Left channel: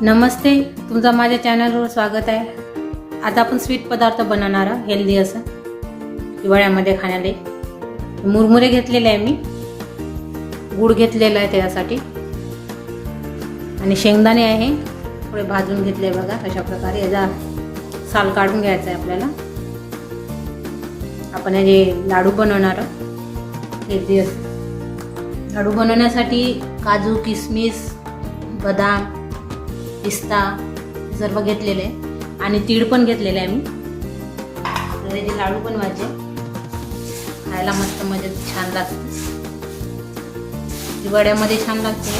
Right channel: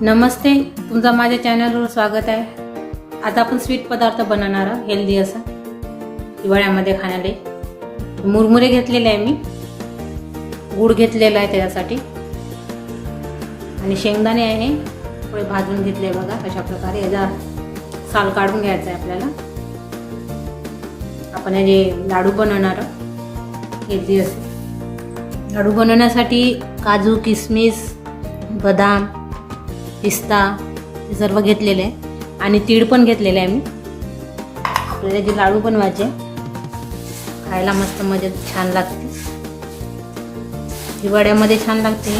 नमस्ते तुमचं माझ्या चॅनलवर स्वागत आहे. आता आपण स्वीट पदार्थ बनवणार आहोत हेल्दी असं. हिवाळ्यामध्ये खाण्याला. मुरमुरे घेतलेले आहे मी. गूळ घेतलेला आहे त्याच्यासाठी. आणि शेंगदाणे आहे. थोडे भाजून घेतले बघा अशा प्रकारे. याचा साल काढून घ्यायचा आहे आपल्याला. आपण हे जे लाडू बनवणार आहोत हेल्दी असं. लाडू बनवण्यासाठी काजू किसमिस बदाम पिस्ता हे सर्व घेतलेले आहे. आणि तीळ पण घेतलेले आहे मी. आपल्याला लाडू लाडू बनवायचे खायला मस्त मजा छान लागते. हिवाळ्यामध्ये छान लागते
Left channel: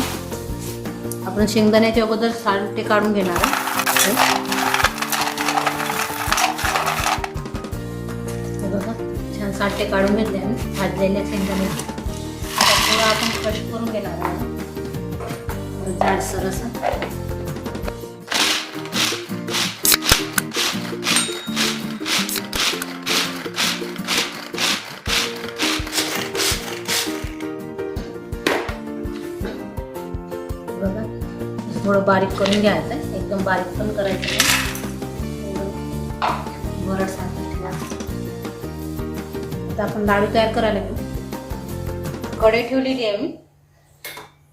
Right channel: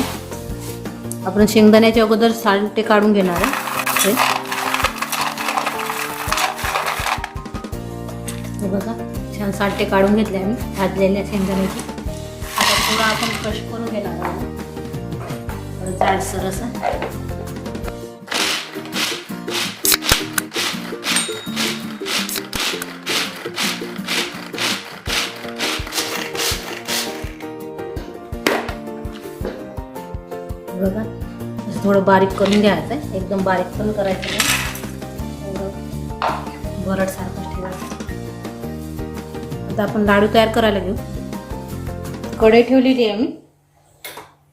आपण शेंगदाण्याच्या अगोदर सालटे काढून घेणार आहे. बघा छान सालटे काढून घेतले आम्ही भाजलेल्या शेंगदाण्याचे. आता थोडं आपण क्रश करून घेणार आहे जाडसर असं. बघा. थोडं बारीक करून घ्यायचं आहे. एकदम बारीक पण करायचं नाही. थोडं बरड सारखं ठेवायचं. आता आपण लाडू तयार करायला घेऊ. कढई ठेवलेली आहे आम्ही.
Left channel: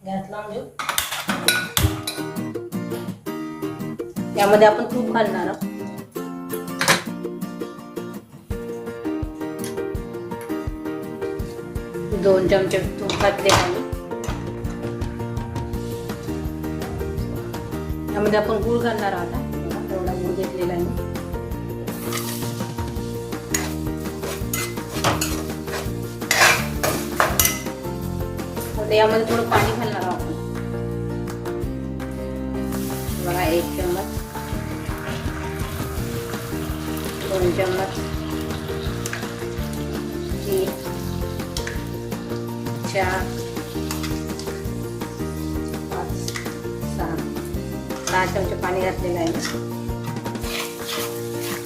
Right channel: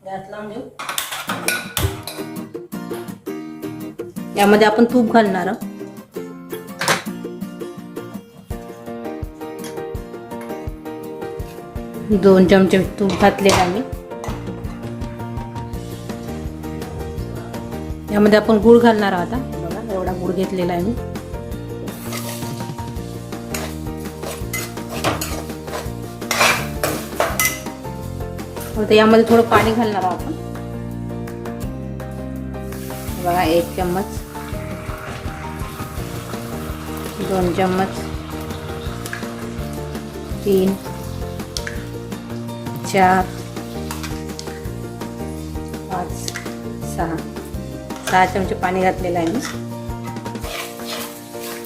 गॅस लावून घेऊ. यामध्ये आपण तूप घालणार आहोत. दोन चमचे तूप घातले आम्ही यामध्ये आपण गूळ घालणार आहोत आता. बघा, एवढा गूळ घेतलेला आहे मी. आता यामध्ये थोडं पाणी घालणार आहोत आपण. बघा एक चम्मच. दोन चम्मच. तीन. चार. पाच. सहा. सहा चमचे पाणी घातलेलं आहे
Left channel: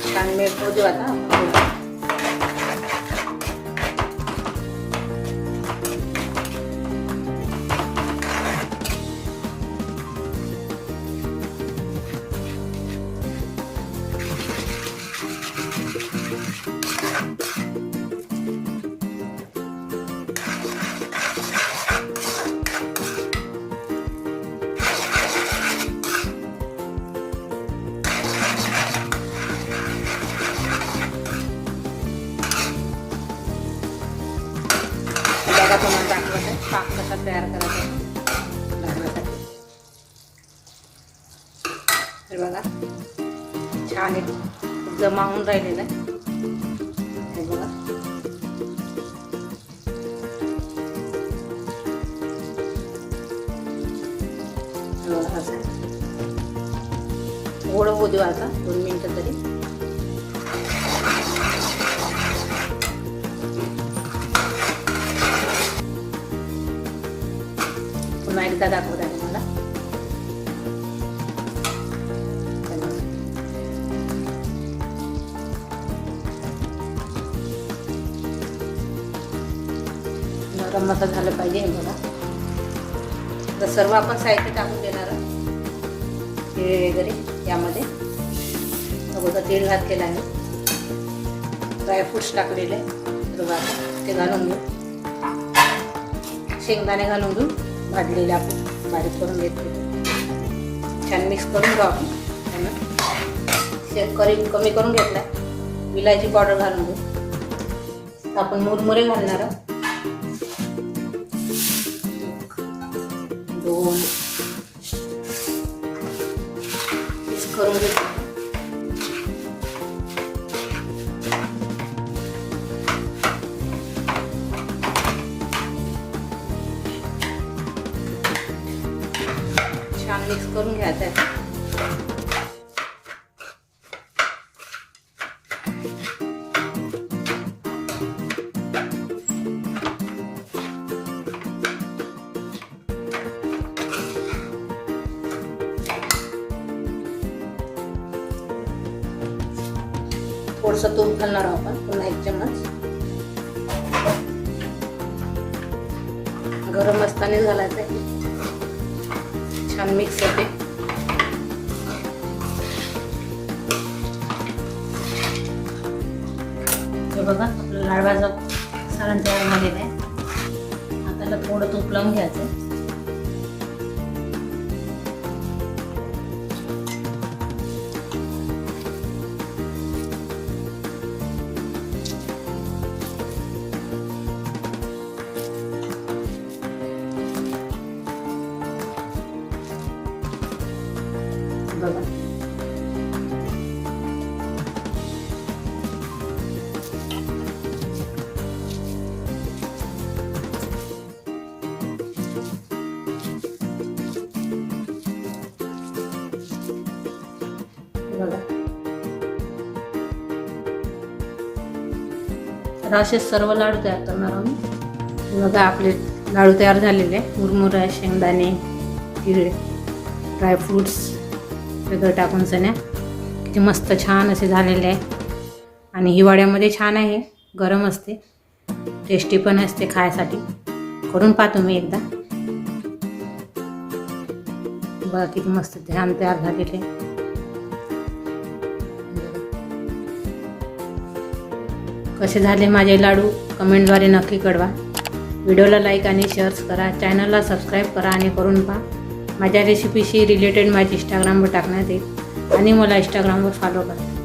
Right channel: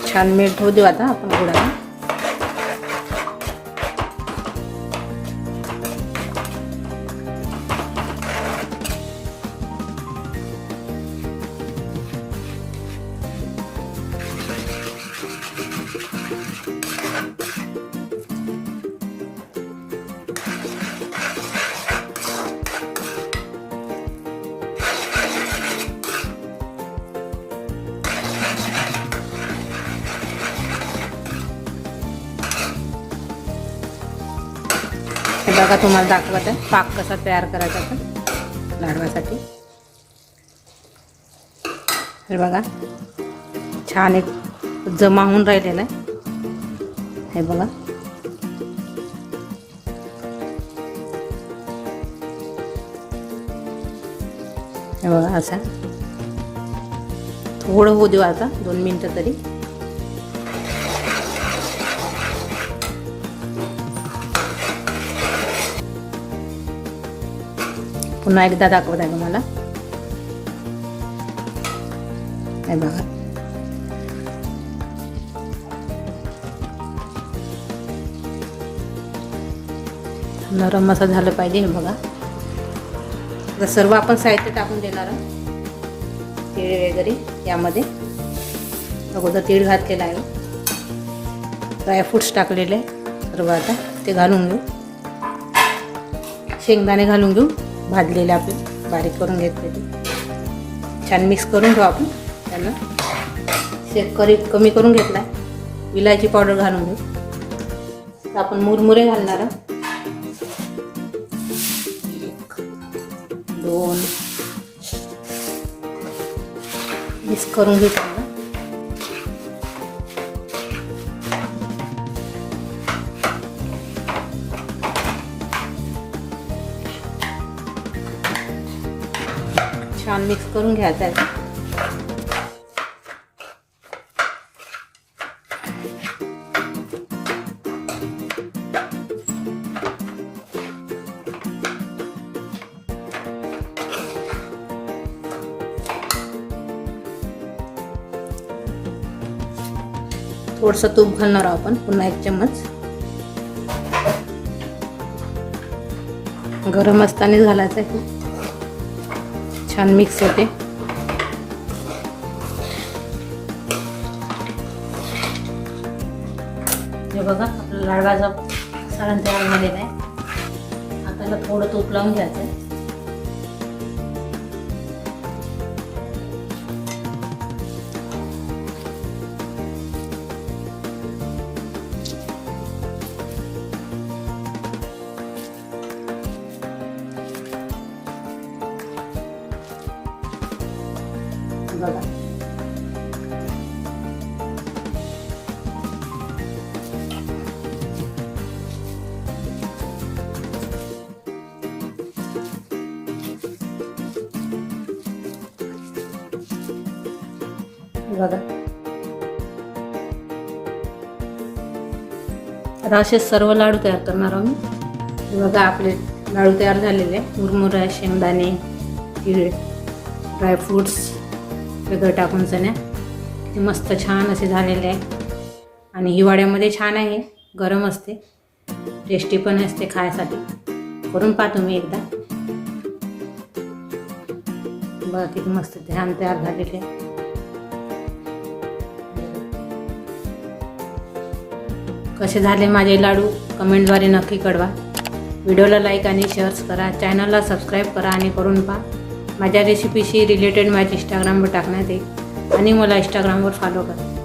छान मीठ होऊ देऊ आता आपण बघा तुम्हाला दाखवत. आहे पाक कसा तयार करायचा तो लाडवासाठी. हे बघा. छान एक जमा होऊन राहिलेलं आहे. हे बघा. हे बघा असा. थोडं होऊ देऊ आता दोन मिनटं तरी. पुन्हा एकदा दाखवत आहे तुम्हाला. हे बघा. नरम असं झालं पाहिजे हे बघा. आता सर्व आपण साहित्य टाकून देणार आहोत. वगैरे यामध्ये. अगोदर तीळ घातलेलं आहे. ड्रायफ्रूट्स टाकलेले. सर्व आता ते घालून घेऊ. शेंगदाणे घालून घेऊ. भाजलेले आपण बारीक करून घेतलेले छान मिक्स करून घेऊ आपण. त्यांना शेतकरी कमी करून घेतला विलायची पावडर घालून घेऊ. आपण मुरमुरे घालणार आहोत. दोन. मिक्स करून घेऊ मिक्स करून घ्यायचं आहे. थोडंसं तूप घालणार आहोत आपण पुन्हा एक चम्मच. गरम असताना घालायचं आहे. छान मिक्स होते हे बघा आपलं लाडबाजा सारण तयार झालेला आहे आताला थोडं तूप लावून घ्यायचं आहे बघा. बघा. आता असे सर्व लाडू तयार करणार आहोत बघा आपले लाडू तयार झालेले. आहे मुरमुरा शेंगदाणे तिळ ड्रायफ्रूट्स. सगळं टाकून सण्या किती मस्त छान असे झालेले आहे. आणि हिवाळ्यामध्ये छान आहे गरम असते. टेस्टी पण असते खायसाठी. करून पहा तुम्ही एकदा. बघा किती मस्त छान तयार झालेले आहे. कसे झाले माझे लाडू? कमेंटद्वारे नक्की कळवा. व्हिडिओला लाईक आणि शेअर्स करा. चॅनलला सबस्क्राईब करा आणि करून पहा. माझ्या रेसिपीशी रिलेटेड माझी इंस्टाग्रामवर टाकण्यात येईल. आणि मला इंस्टाग्रामवर फॉलो करा.